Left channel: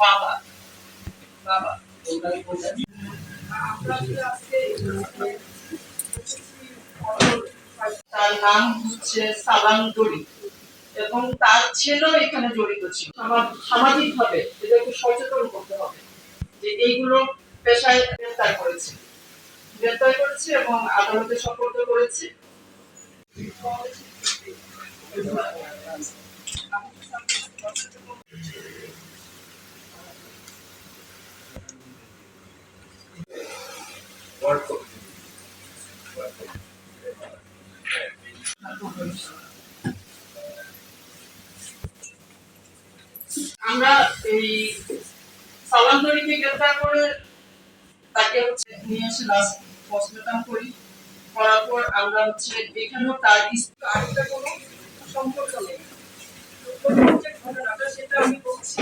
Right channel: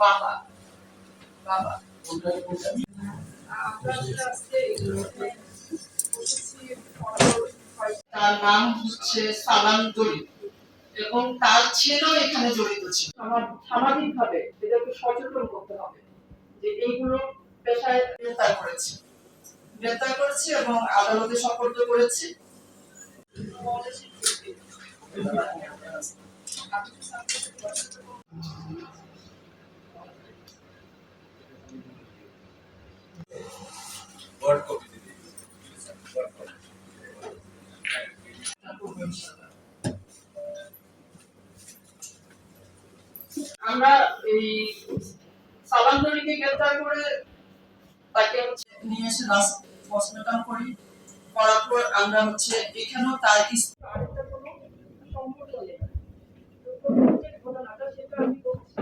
বাবা বাবা তার নাম হচ্ছে সালাম দড়ি এবং তার ছেলেও এখানে জড়িত ছিল। আমার সামাজিক ভাবে এদেরকে সচেতন করতে হবে যে এইগুলো পেশায় গ্রেফতার করেছে এবং আদালতে সোপর্দ করেছে। আমরা এই সালাম দড়িকে গ্রেফতার করে তাকে হচ্ছে নিয়ে এসে লাস্ট পোস্টমর্টম করি, করার পর আমরা হচ্ছে এখানেও তার আরেকটা কোনো সম্পর্ক নেই। যে ঘটনাটা সেটা আমি বলছি।